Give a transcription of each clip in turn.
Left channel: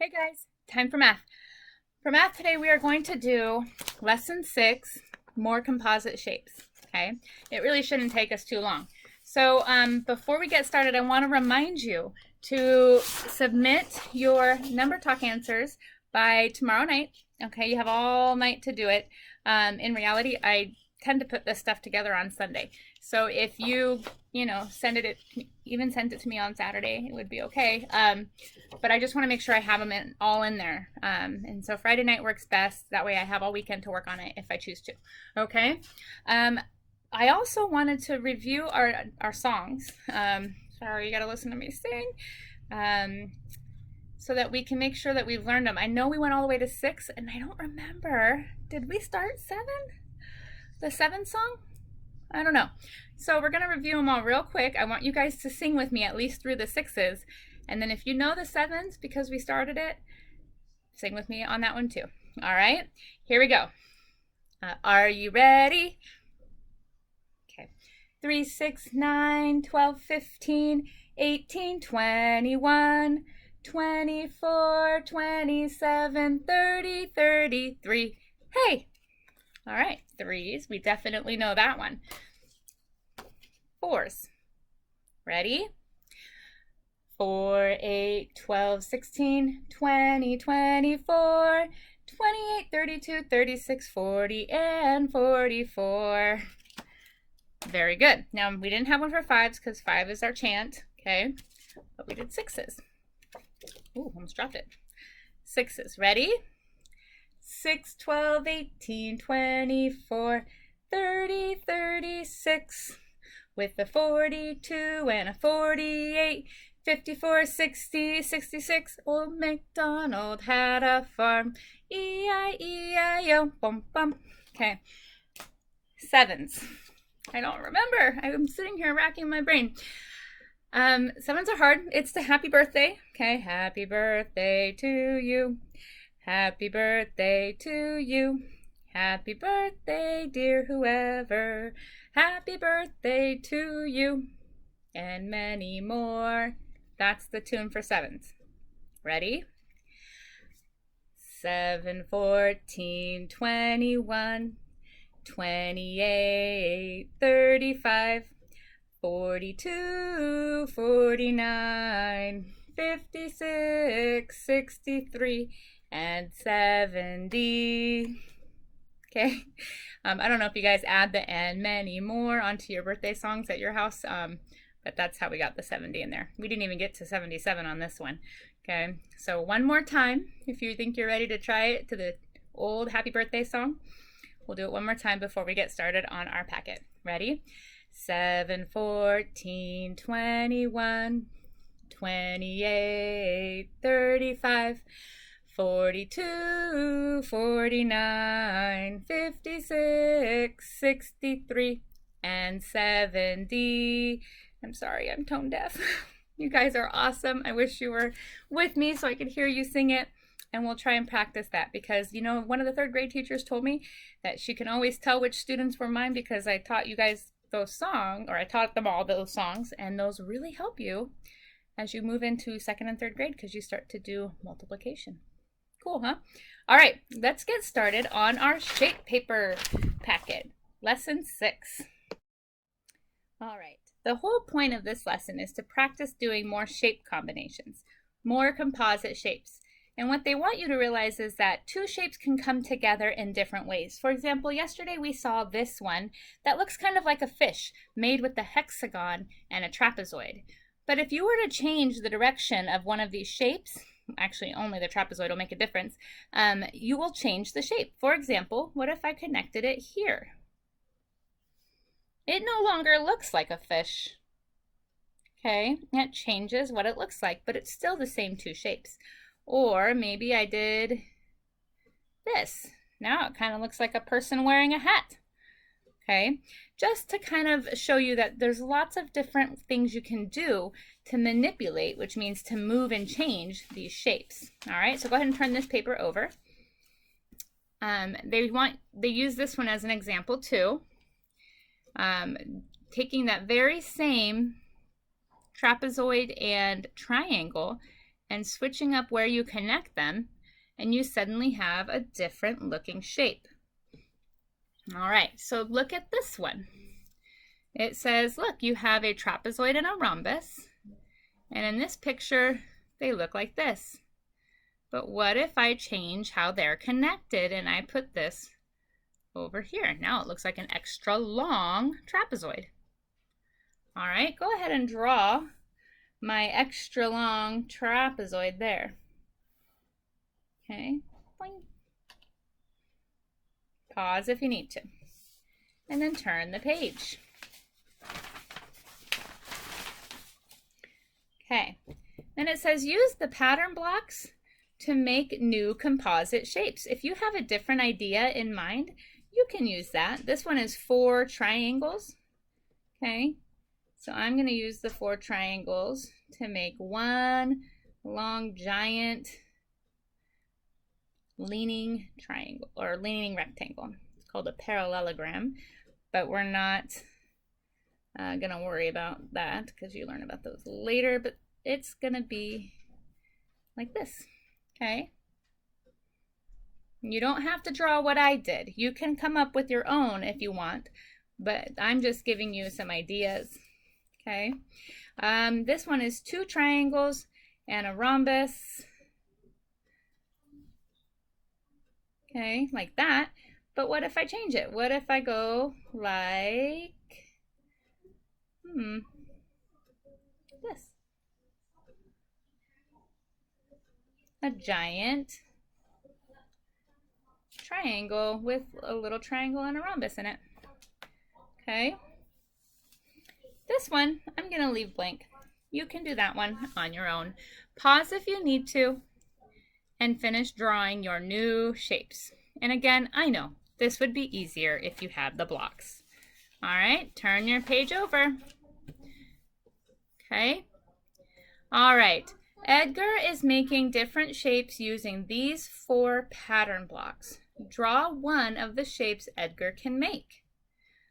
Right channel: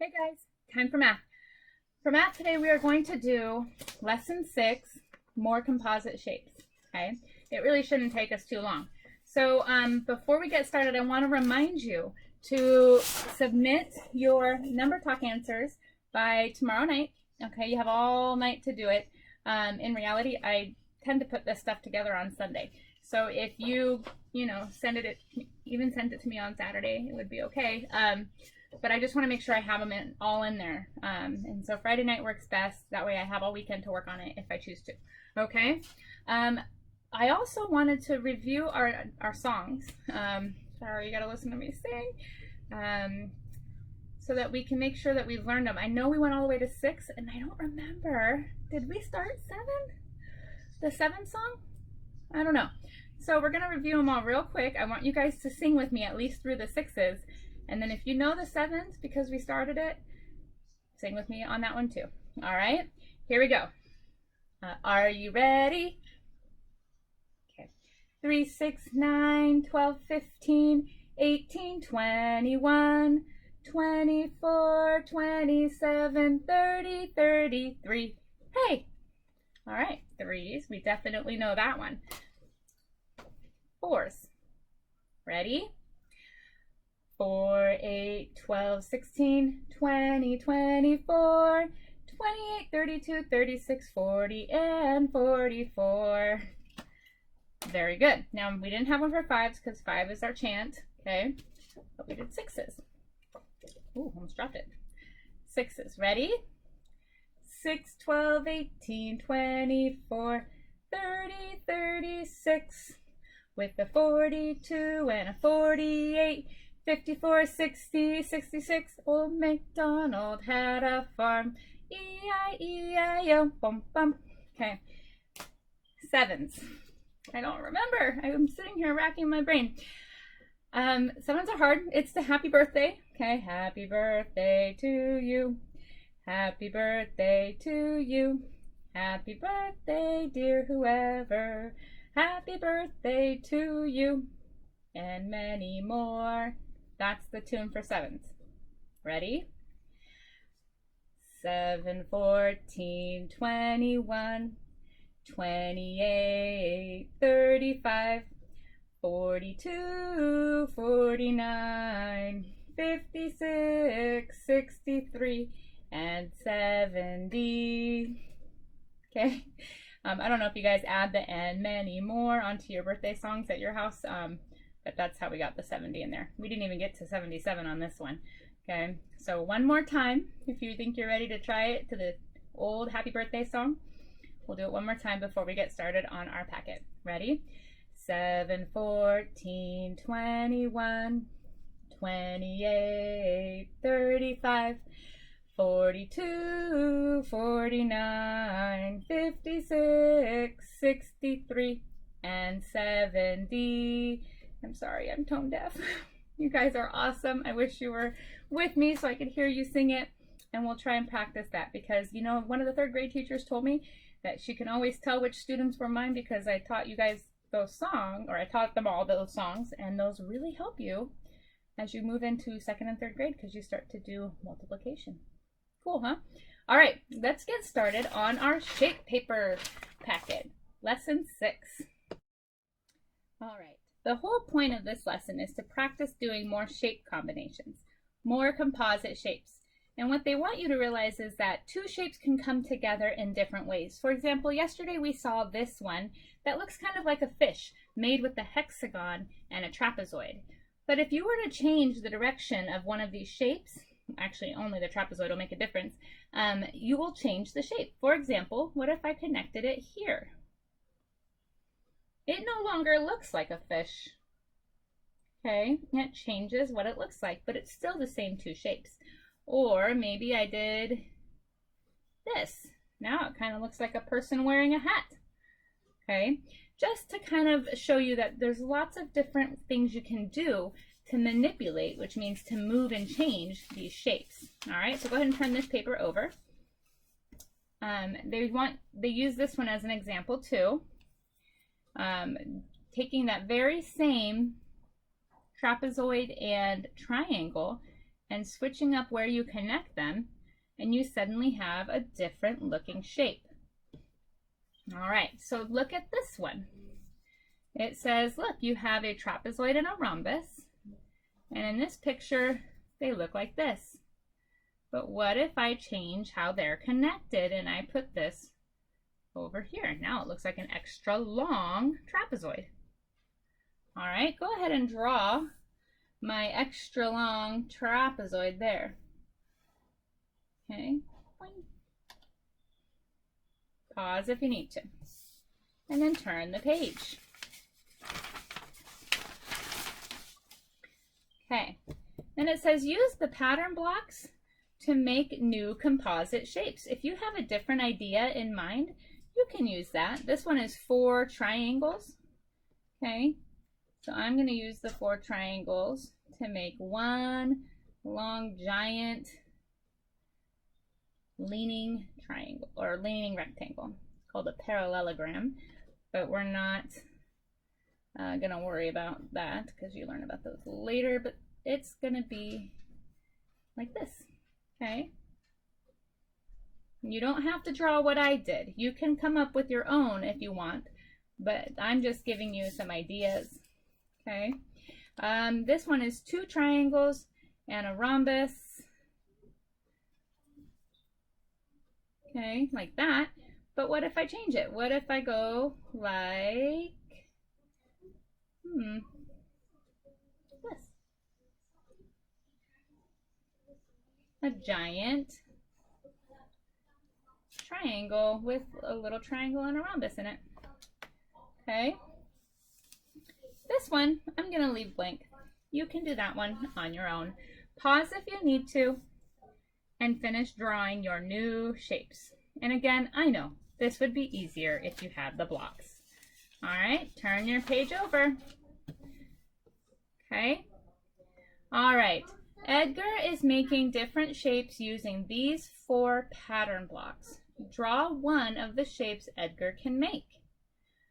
Hey guys, time for math. For math today, we are going to do lesson 6, more composite shapes. Okay, it really shouldn't take us too long. So before we get started, I want to remind you to submit your number talk answers by tomorrow night. Okay, you have all night to do it. In reality, I tend to put this stuff together on Sunday. So if you send it, even send it to me on Saturday, it would be okay. But I just want to make sure I have them all in there. And so Friday night works best. That way I have all weekend to work on it if I choose to. Okay. I also wanted to review our songs. Sorry, you got to listen to me sing. So that we can make sure that we've learned them. I know we went all the way to 6, and I don't remember. Did we start 7? The 7th song? I don't know. So we're going to review them all real quick. I want you guys to sing with me at least through the 6s. And then if you know the 7s because we started it, sing with me on that one too. All right, here we go. Are you ready? Okay. 3, 6, 9, 12, 15, 18, 21, 24, 27, 30, 33. Hey! All right, 3s. We definitely know that one. 4s. Ready? 4, 8, 12, 16, 20, 24, 28, 32, 36, 40, and 44. Very good. Now, we didn't have one for 5s because 5 is our chant, okay? But we did 6s. Ooh, almost dropped it. 6s. Ready? 6, 12, 18, 24, 30, 36. With a 42 and a 48. 54, 60, 66, old MacDonald had a farm. E-I-E-I-O, bum bum. Okay. 7s. I don't remember. I'm sitting here racking my brain. 7s are hard. It's the happy birthday. Okay, happy birthday to you. Happy birthday to you. Happy birthday, dear whoever. Happy birthday to you. And many more. That's the tune for 7s. Ready? 7, 14, 21, 28, 35, 42, 49, 56, 63, and 70. Okay. I don't know if you guys add the and many more onto your birthday songs at your house. But that's how we got the 70 in there. We didn't even get to 77 on this one. Okay, so one more time, if you think you're ready to try it to the old happy birthday song, we'll do it one more time before we get started on our packet. Ready? 7, 14, 21, 28, 35, 42, 49, 56, 63, and 70. I'm sorry, I'm tone deaf. You guys are awesome. I wish you were with me so I could hear you sing it. And we'll try and practice that because, one of the 3rd grade teachers told me that she can always tell which students were mine because I taught you guys those songs, or I taught them all those songs, and those really help you as you move into 2nd and 3rd grade because you start to do multiplication. Cool, huh? All right, let's get started on our shape paper packet. Lesson 6. All right. The whole point of this lesson is to practice doing more shape combinations, more composite shapes. And what they want you to realize is that 2 shapes can come together in different ways. For example, yesterday we saw this one that looks kind of like a fish made with a hexagon and a trapezoid. But if you were to change the direction of one of these shapes, actually only the trapezoid will make a difference, you will change the shape. For example, what if I connected it here? It no longer looks like a fish. Okay, it changes what it looks like, but it's still the same 2 shapes. Or maybe I did this. Now it kind of looks like a person wearing a hat. Okay, just to kind of show you that there's lots of different things you can do to manipulate, which means to move and change these shapes. All right, so go ahead and turn this paper over. They use this one as an example too. Taking that very same trapezoid and triangle and switching up where you connect them, and you suddenly have a different looking shape. All right, so look at this one. It says, look, you have a trapezoid and a rhombus, and in this picture, they look like this. But what if I change how they're connected and I put this over here? Now it looks like an extra long trapezoid. All right, go ahead and draw my extra long trapezoid there. Okay, boing. Pause if you need to, and then turn the page. Okay, then it says use the pattern blocks to make new composite shapes. If you have a different idea in mind, you can use that. This one is 4 triangles. Okay, so I'm going to use the 4 triangles to make one long giant leaning triangle or leaning rectangle. It's called a parallelogram, but we're not gonna worry about that because you learn about those later, but it's gonna be like this. Okay, you don't have to draw what I did. You can come up with your own if you want, but I'm just giving you some ideas. Okay, this one is 2 triangles and a rhombus. Okay, like that. But what if I change it? What if I go like this? A giant triangle with a little triangle and a rhombus in it. Okay. This one, I'm going to leave blank. You can do that one on your own. Pause if you need to and finish drawing your new shapes. And again, I know this would be easier if you had the blocks. All right, turn your page over. Okay. All right, Edgar is making different shapes using these 4 pattern blocks. Draw one of the shapes Edgar can make.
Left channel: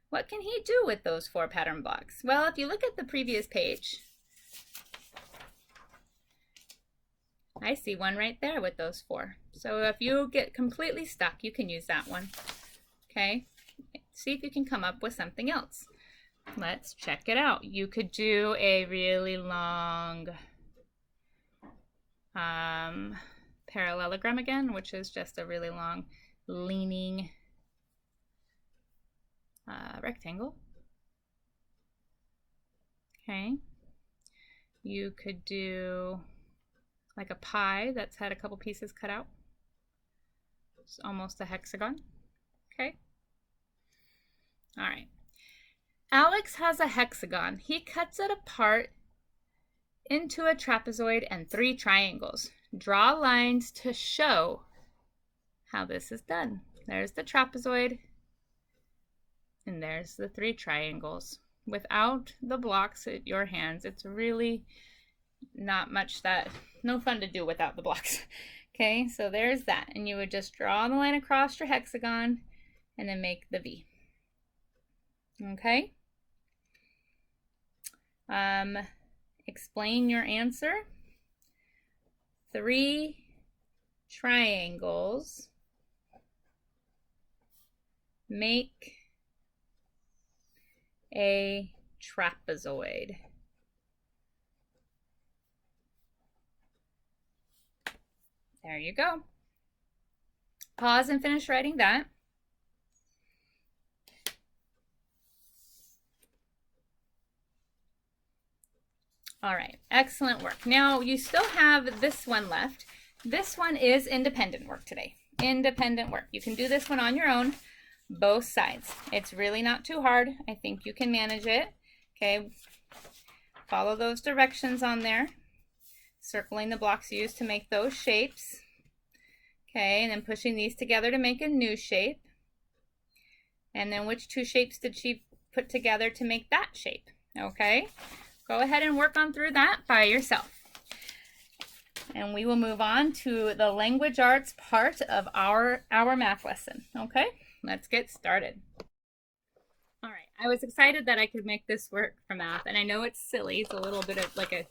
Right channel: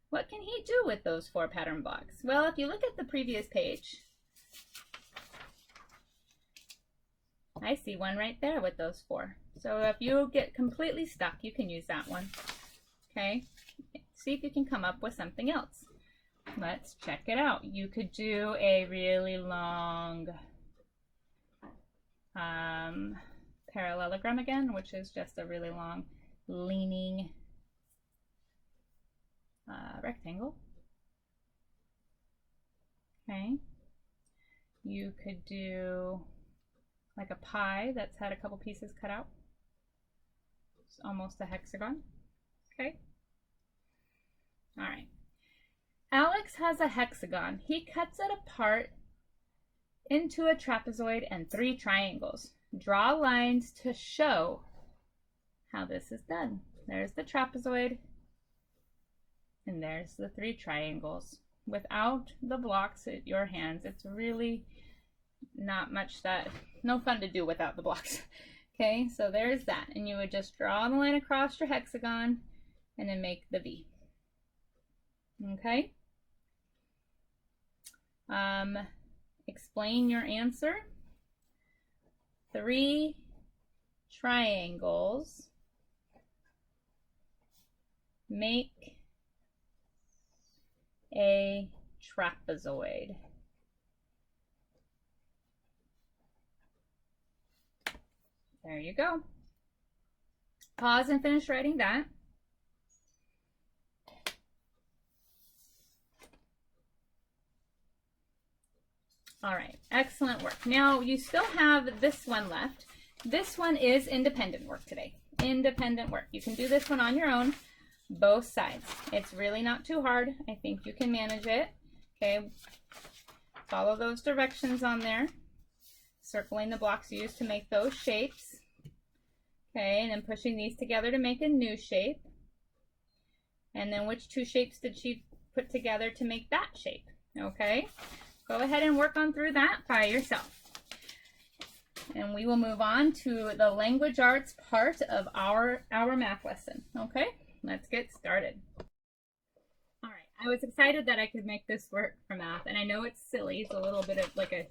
What can he do with those 4 pattern blocks? Well, if you look at the previous page, I see one right there with those 4. So if you get completely stuck, you can use that one. Okay, see if you can come up with something else. Let's check it out. You could do a really long parallelogram again, which is just a really long leaning rectangle. Okay, you could do like a pie that's had a couple pieces cut out. It's almost a hexagon. Okay. All right. Alex has a hexagon. He cuts it apart into a trapezoid and 3 triangles. Draw lines to show how this is done. There's the trapezoid, and there's the 3 triangles. Without the blocks at your hands, it's really not much no fun to do without the blocks. Okay, so there's that. And you would just draw the line across your hexagon and then make the V. Okay. Explain your answer. 3 triangles make a trapezoid. There you go. Pause and finish writing that. All right, excellent work. Now you still have this one left. This one is independent work today. Independent work. You can do this one on your own, both sides. It's really not too hard. I think you can manage it. Okay, follow those directions on there. Circling the blocks used to make those shapes. Okay, and then pushing these together to make a new shape. And then which 2 shapes did she put together to make that shape? Okay, go ahead and work on through that by yourself. And we will move on to the language arts part of our math lesson. Okay, let's get started. All right, I was excited that I could make this work for math, and I know it's silly. It's a little bit of like a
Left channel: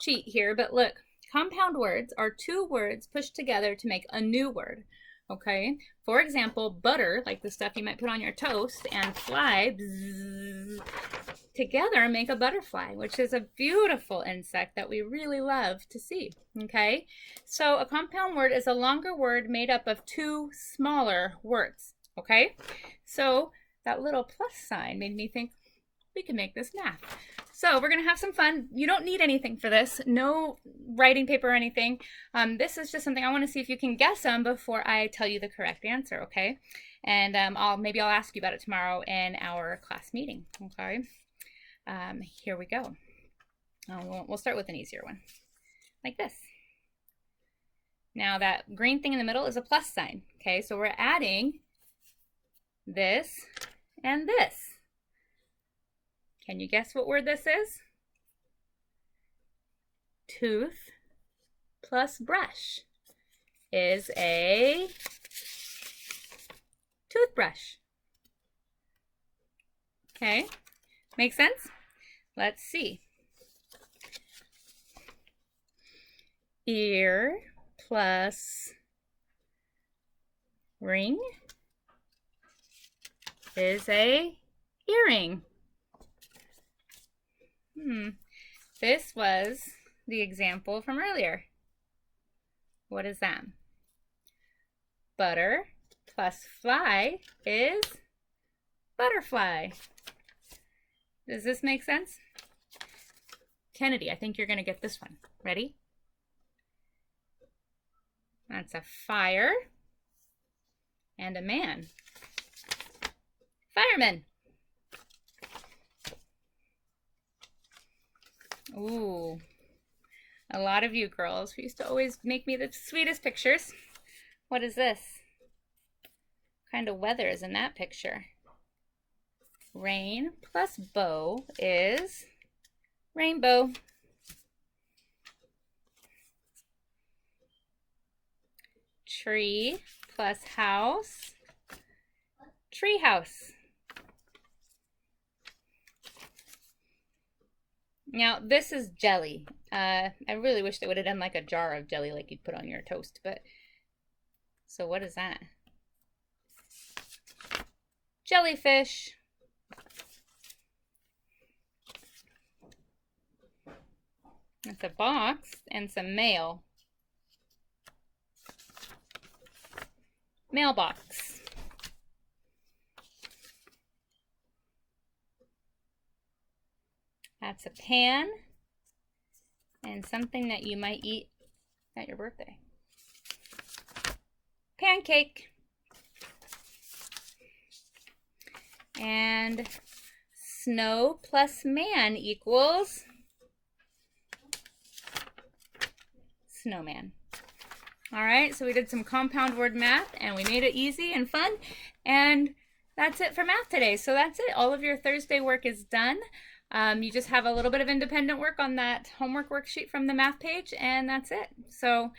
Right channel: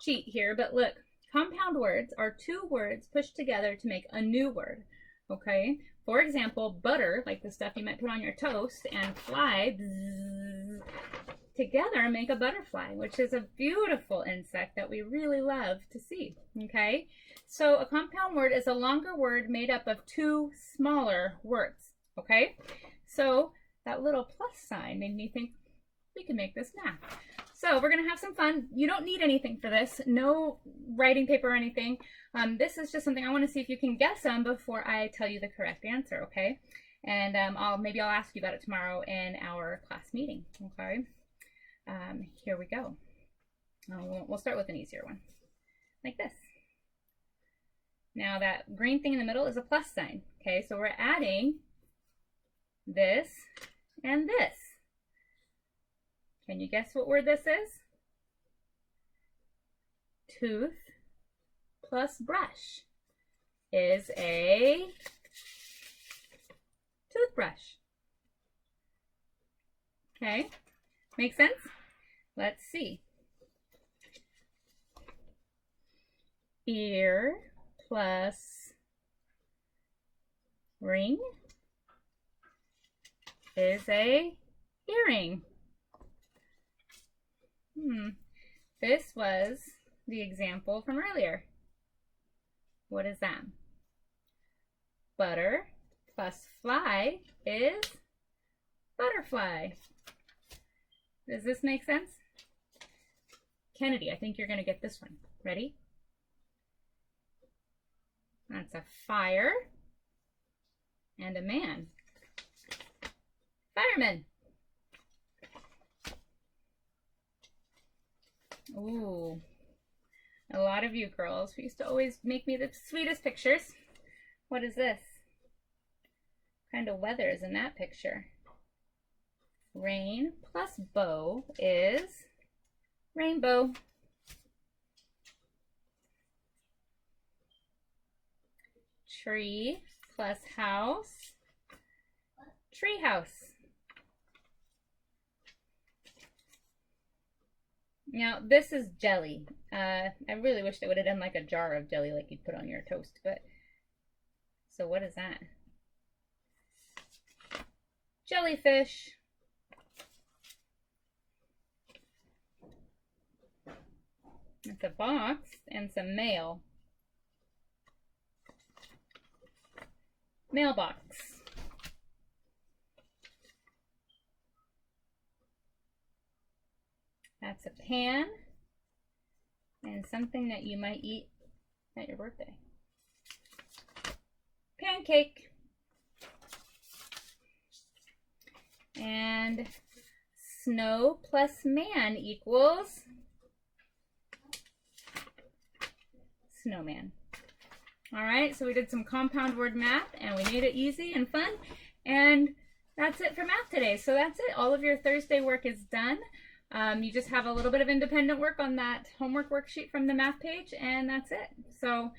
cheat here, but look, Compound words are two words pushed together to make a new word. Okay, for example, butter, like the stuff you might put on your toast, and fly, bzzz, together make a butterfly, which is a beautiful insect that we really love to see. Okay, so a compound word is a longer word made up of two smaller words. Okay, so that little plus sign made me think we can make this math. So we're going to have some fun. You don't need anything for this. No writing paper or anything. This is just something I want to see if you can guess them before I tell you the correct answer, okay? And maybe I'll ask you about it tomorrow in our class meeting, okay? Here we go. We'll start with an easier one, like this. Now that green thing in the middle is a plus sign, okay? So we're adding this and this. Can you guess what word this is? Tooth plus brush is a toothbrush. Okay, make sense? Let's see. Ear plus ring is a earring. This was the example from earlier. What is that? Butter plus fly is butterfly. Does this make sense? Kennedy, I think you're going to get this one. Ready? That's a fire and a man. Fireman. Ooh, a lot of you girls used to always make me the sweetest pictures. What is this? What kind of weather is in that picture? Rain plus bow is rainbow. Tree plus house, tree house. Now, this is jelly. I really wish they would have done like a jar of jelly like you'd put on your toast, but... So what is that? Jellyfish. It's a box and some mail. Mailbox. That's a pan and something that you might eat at your birthday. Pancake. And snow plus man equals snowman. All right, so we did some compound word math and we made it easy and fun. And that's it for math today. So that's it. All of your Thursday work is done. You just have a little bit of independent work on that homework worksheet from the math page, and that's it. So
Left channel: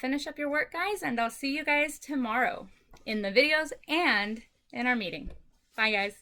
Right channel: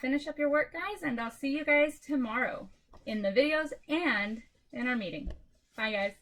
finish up your work, guys, and I'll see you guys tomorrow in the videos and in our meeting. Bye, guys.